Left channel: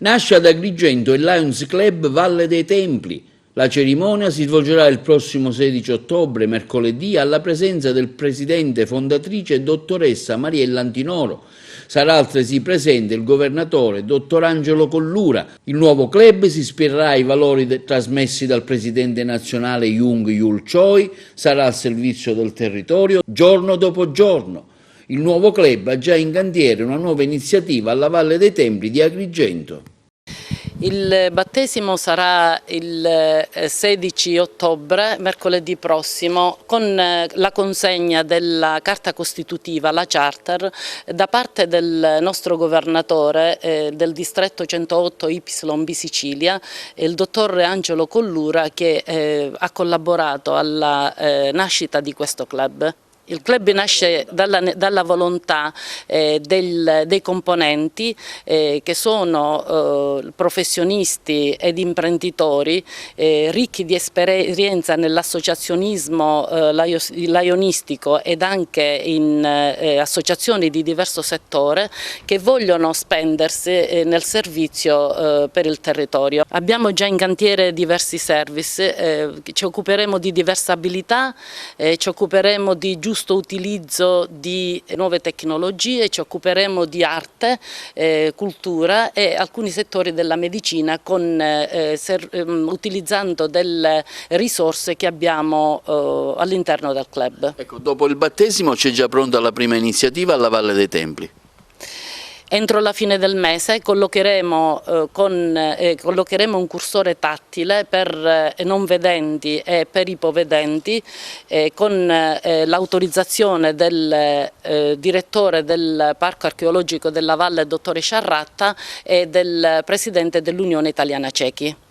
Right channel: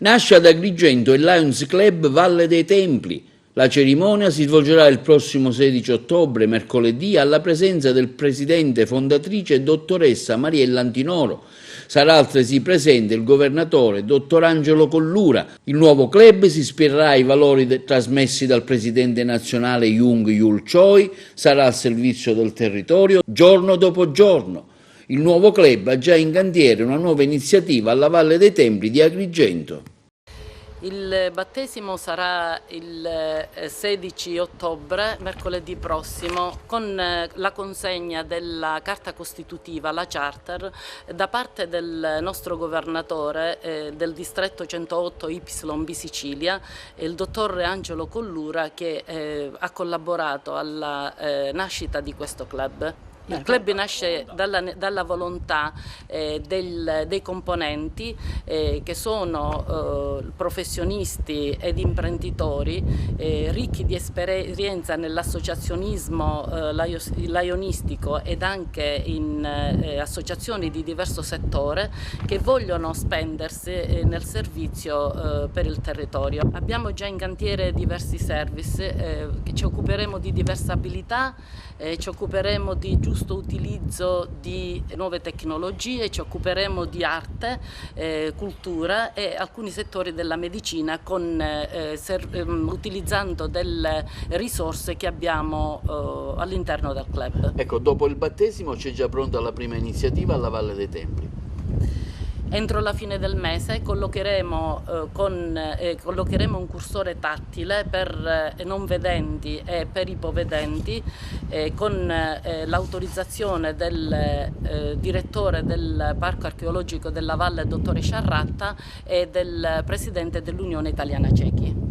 Nasce ad Agrigento il Lions Club Valle dei Templi. La cerimonia si svolgerà il prossimo 16 ottobre, mercoledì, alla presenza del presidente fondatrice dottoressa Mariella Antinoro. Sarà altresì presente il governatore dottor Angelo Collura. Il nuovo club si ispirerà ai valori trasmessi dal presidente nazionale Jung Yul Choi, sarà al servizio del territorio giorno dopo giorno. Il nuovo club ha già in cantiere una nuova iniziativa alla Valle dei Templi di Agrigento. Il battesimo sarà il 16 ottobre, mercoledì prossimo, con la consegna della carta costitutiva, la charter, da parte del nostro governatore del distretto 108 YB Sicilia, il dottor Angelo Collura, che ha collaborato alla nascita di questo club. Il club nasce dalla volontà dei componenti che sono professionisti ed imprenditori ricchi di esperienza nell'associazionismo laionistico ed anche in associazioni di diverso settore che vogliono spendersi nel servizio per il territorio. Abbiamo già in cantiere diversi service, ci occuperemo di diversabilità, ci occuperemo di giusto utilizzo di nuove tecnologie, ci occuperemo di arte, cultura e alcuni settori della medicina utilizzando delle risorse che abbiamo all'interno del club. Ecco, dopo il battesimo c'è già pronta la prima iniziativa alla Valle dei Templi. Entro la fine del mese collocheremo un cursore tattile per non vedenti e per ipovedenti con l'autorizzazione del direttore del Parco Archeologico della Valle, dottore Sciarratta, e del presidente dell'Unione Italiana Ciechi.